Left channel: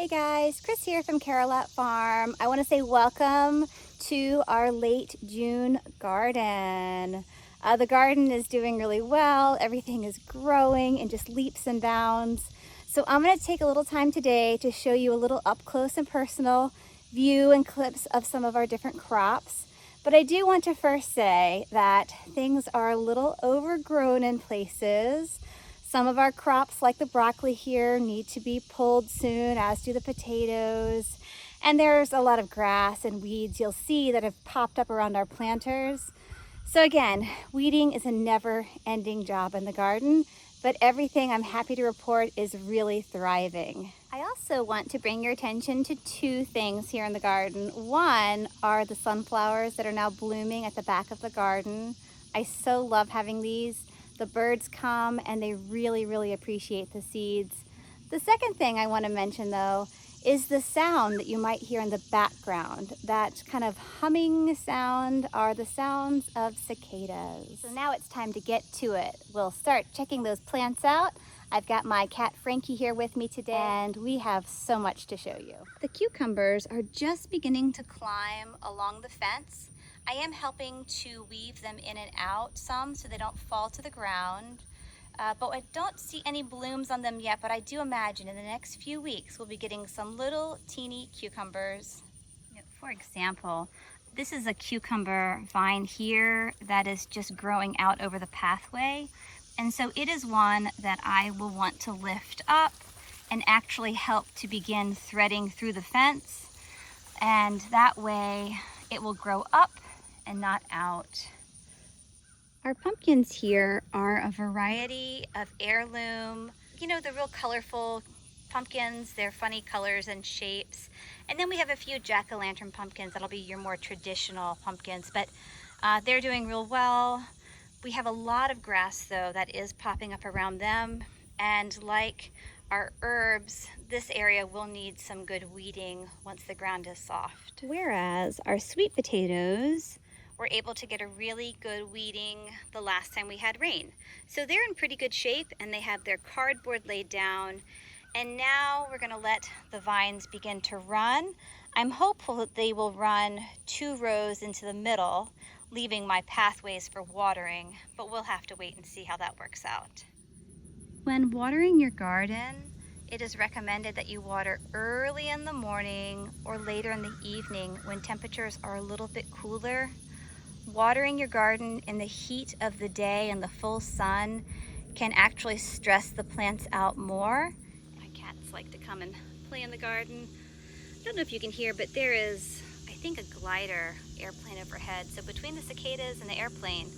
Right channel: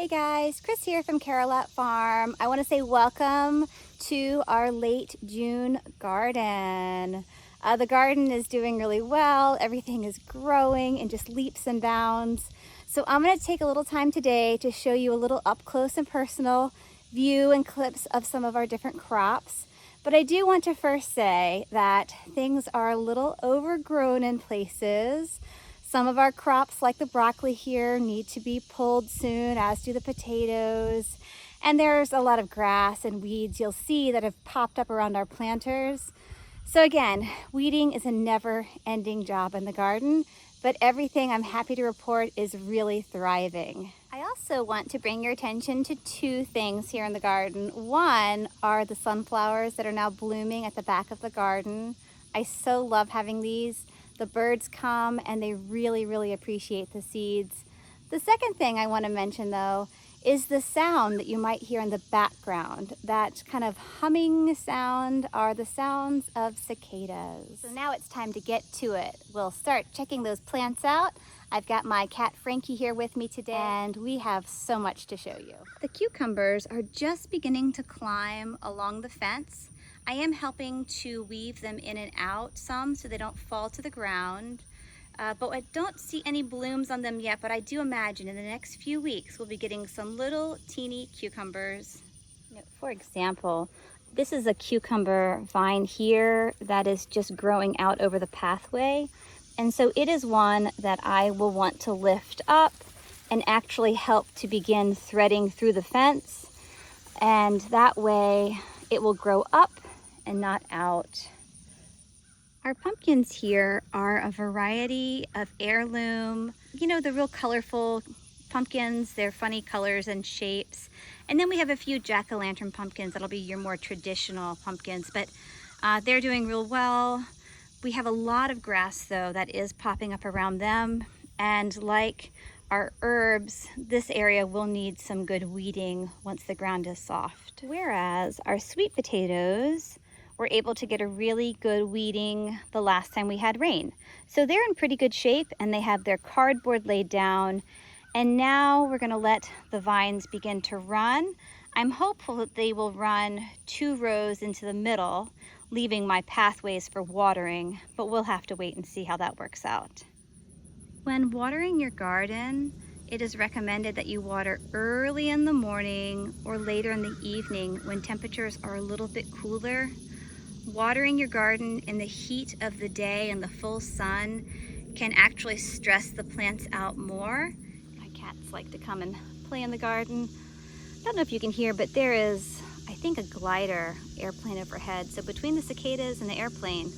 Hey guys, Chris here from Carolat Farm. I want to say welcome to our late June garden. The garden is doing really well. Everything is growing in just leaps and bounds. So I'm going to take a little time today to show you a little up close and personal view and clips of some of our different crops. But I do want to first say that things are a little overgrown in places. Some of our crops, like the broccoli here, need to be pulled soon, as do the potatoes. And there's a lot of grass and weeds you'll see that have popped up around our planters. So again, weeding is a never-ending job in the garden, but everything I'm happy to report is really thriving. I also want to bring your attention to two things here in the garden. One are the sunflowers that are now blooming at the back of the garden. I so love having these. The birds come and they really appreciate the seeds. The second thing I want to mention though is the sound that you might hear in the background. That kind of humming sound are the sounds of cicadas. So now it's time to get to it. We'll start checking those plants out. I've got my cat Frankie here with me today and we have so much to show you. The cucumbers are just beginning to climb along the fence. I am helping to weave them in and out some so they don't fall to the ground. But I don't see any blooms on them yet, but I do imagine in the next few weeks we'll be getting some little teeny cucumbers. For example, this is a cucumber vine here that is just growing out over the pathway. And so it is one that I will want to lift up and actually help to begin threading through the fence. And that way it will grow up and not out. Our pumpkins here are a variety of heirloom, the real colorful pumpkins. They're funny colors and shapes. And then we have a few jack-o'-lantern pumpkins that'll be your more traditional pumpkins, but they're doing real well. We have a lot of grass though that is popping up around them, and like our herbs, this area will need some good weeding once the ground is soft. Whereas our sweet potatoes were able to get a really good weeding the last time we had rain. So they're in pretty good shape and they have their cardboard laid down. And now we're gonna let the vines begin to run. I'm hopeful that they will run 2 rows into the middle, leaving my pathways for watering, but we'll have to wait and see how that works out. When watering your garden, it is recommended that you water early in the morning or later in the evening when temperatures are a little bit cooler. Watering your garden in the heat of the day and the full sun can actually stress the plants out more. My cats like to come and play in the garden. I don't know if you can hear, but there is, I think, a glider airplane overhead. So between the cicadas and the airplane,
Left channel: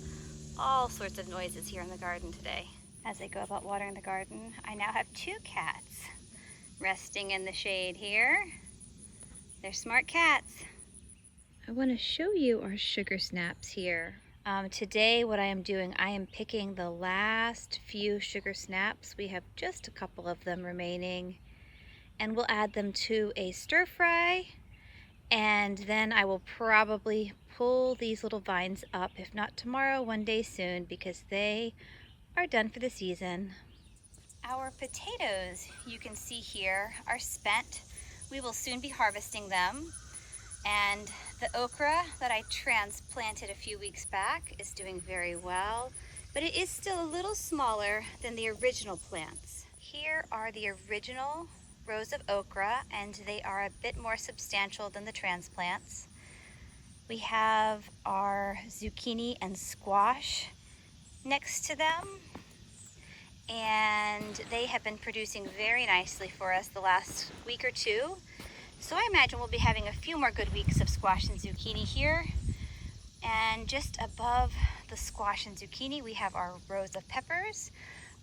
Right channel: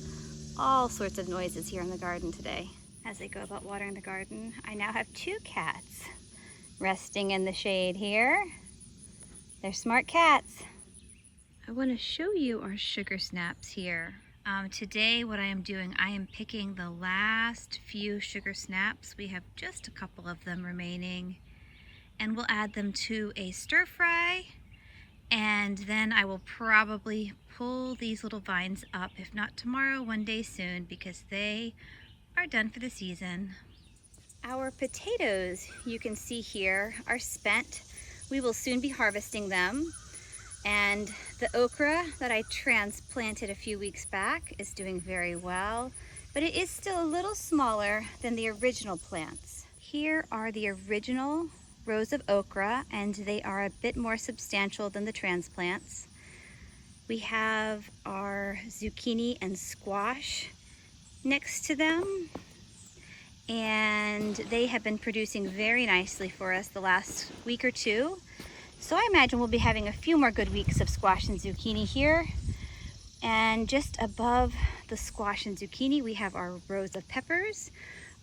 all sorts of noises here in the garden today. As I go about watering the garden, I now have 2 cats resting in the shade here. They're smart cats. I want to show you our sugar snaps here. Today what I am doing, I am picking the last few sugar snaps. We have just a couple of them remaining, and we'll add them to a stir fry, and then I will probably pull these little vines up, if not tomorrow, one day soon, because they are done for the season. Our potatoes, you can see here, are spent. We will soon be harvesting them. And the okra that I transplanted a few weeks back is doing very well, but it is still a little smaller than the original plants. Here are the original rows of okra, and they are a bit more substantial than the transplants. We have our zucchini and squash next to them, and they have been producing very nicely for us the last week or two. So I imagine we'll be having a few more good weeks of squash and zucchini here. And just above the squash and zucchini, we have our rows of peppers.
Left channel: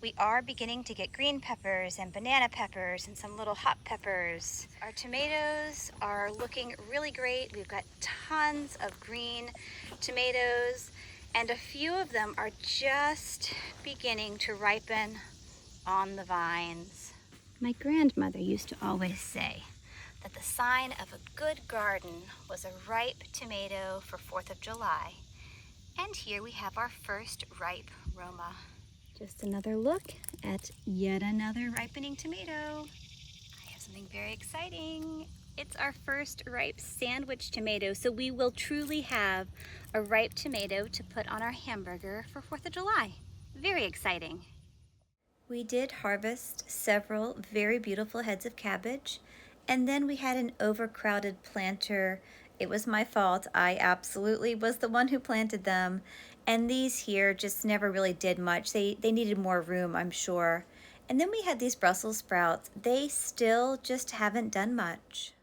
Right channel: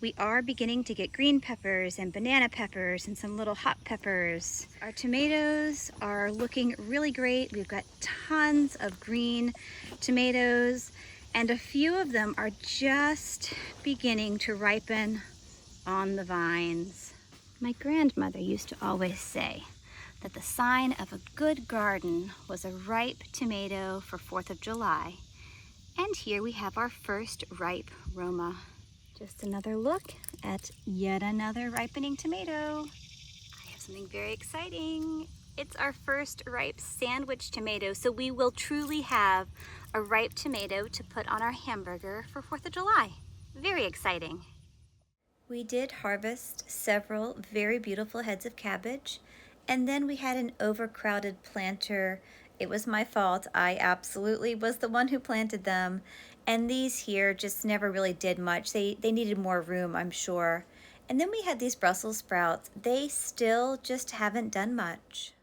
We are beginning to get green peppers and banana peppers and some little hot peppers. Our tomatoes are looking really great. We've got tons of green tomatoes, and a few of them are just beginning to ripen on the vines. My grandmother used to always say that the sign of a good garden was a ripe tomato for 4th of July. And here we have our first ripe Roma. Just another look at yet another ripening tomato. I have something very exciting. It's our first ripe sandwich tomato, so we will truly have a ripe tomato to put on our hamburger for 4th of July. Very exciting. We did harvest several very beautiful heads of cabbage, and then we had an overcrowded planter. It was my fault. I absolutely was the one who planted them, and these here just never really did much. They needed more room, I'm sure. And then we had these Brussels sprouts. They still just haven't done much.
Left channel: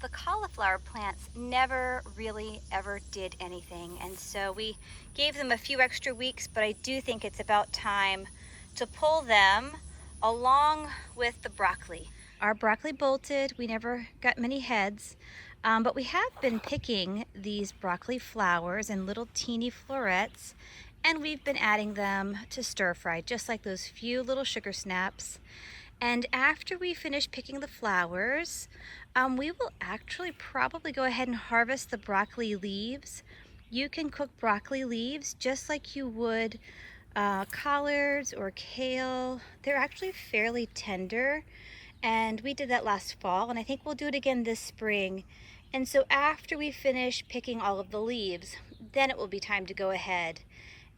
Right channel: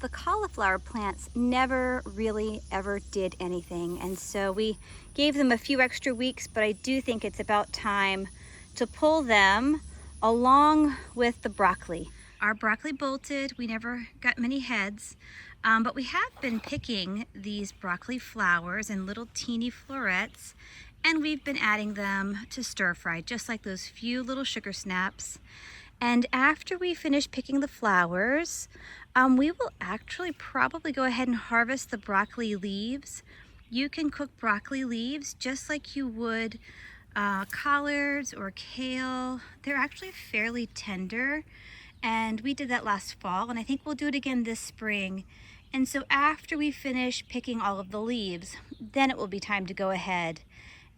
The cauliflower plants never really ever did anything, and so we gave them a few extra weeks, but I do think it's about time to pull them along with the broccoli. Our broccoli bolted. We never got many heads, but we have been picking these broccoli flowers in little teeny florets, and we've been adding them to stir fry, just like those few little sugar snaps. And after we finish picking the flowers, we will actually probably go ahead and harvest the broccoli leaves. You can cook broccoli leaves just like you would collards or kale. They're actually fairly tender, and we did that last fall, and I think we'll do it again this spring. And so after we finish picking all of the leaves, then it will be time to go ahead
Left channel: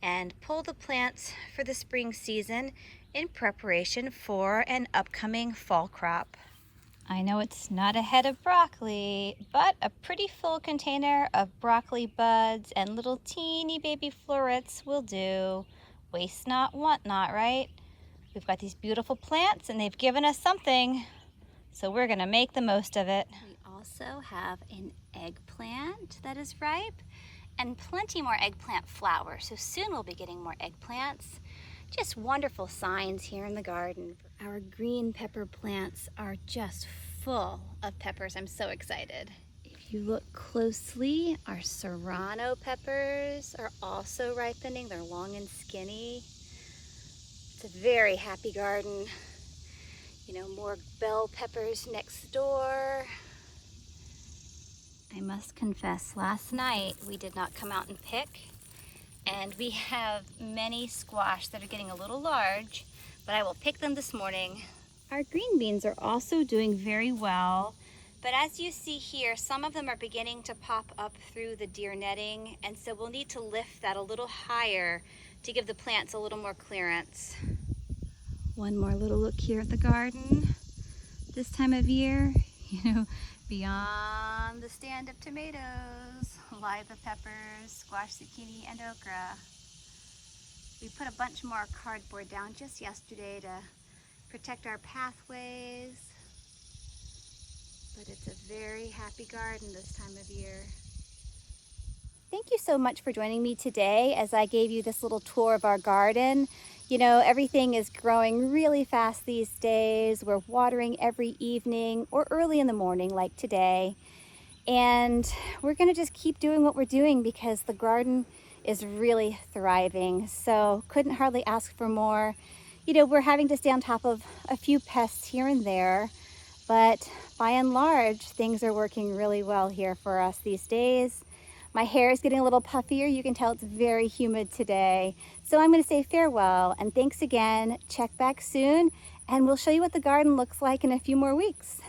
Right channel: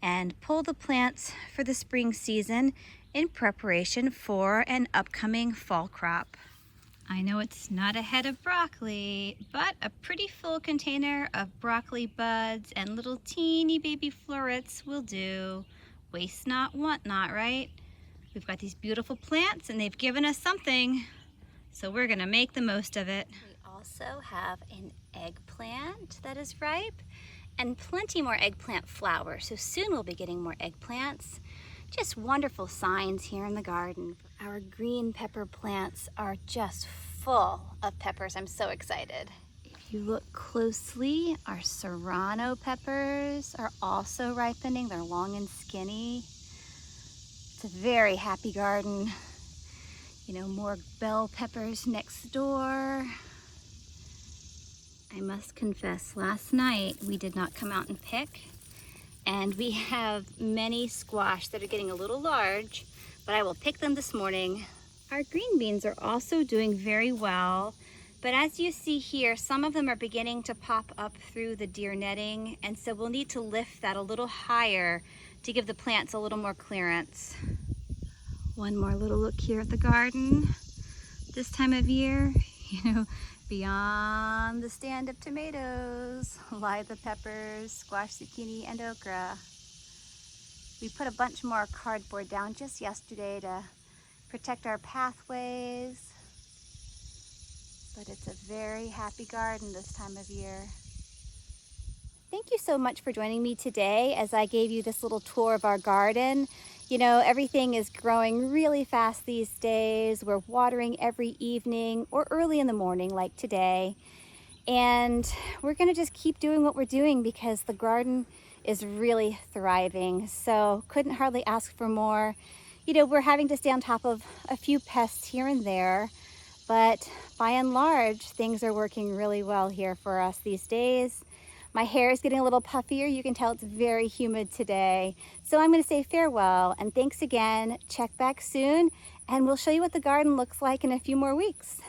and pull the plants for the spring season in preparation for an upcoming fall crop. I know it's not a head of broccoli, but a pretty full container of broccoli buds and little teeny baby florets will do. Waste not, want not, right? We've got these beautiful plants and they've given us something, so we're gonna make the most of it. We also have an eggplant that is ripe and plenty more eggplant flowers, so soon we'll be getting more eggplants. Just wonderful signs here in the garden. Our green pepper plants are just full of peppers. I'm so excited. If you look closely, our serrano peppers are also ripening. They're long and skinny. It's a very happy garden. You know, more bell peppers next door. I must confess, last night we did not come out and pick, and we have many squash that are getting a little large, but I will pick them this morning. Our green beans are also doing very well, but as you see here, some of them are beginning to pop up through the deer netting, and so we'll need to lift that a little higher to give the plants a little more clearance. One more little look here at the garden. This time of year, you know, beyond the stand of tomatoes lie the peppers, squash, zucchini, and okra. We put a bunch more cardboard down just yesterday to protect our pathways, but it's a very happy garden this time of year. Thank you so much for joining me today as I gave you this little tour of our garden. You know, everything is growing really fast these days. We're watering every evening or early in the morning like today. And we're gonna just keep doing what we're doing because the garden is really thriving. So couldn't hardly ask for more. You know, we're having to stay on top of a few pests here and there, but by and large, things are working really well here for us these days. My hair is getting a little puffier. You can tell it's very humid today. So I'm gonna say farewell and thanks again. Check back soon and we'll show you what the garden looks like in a few more weeks.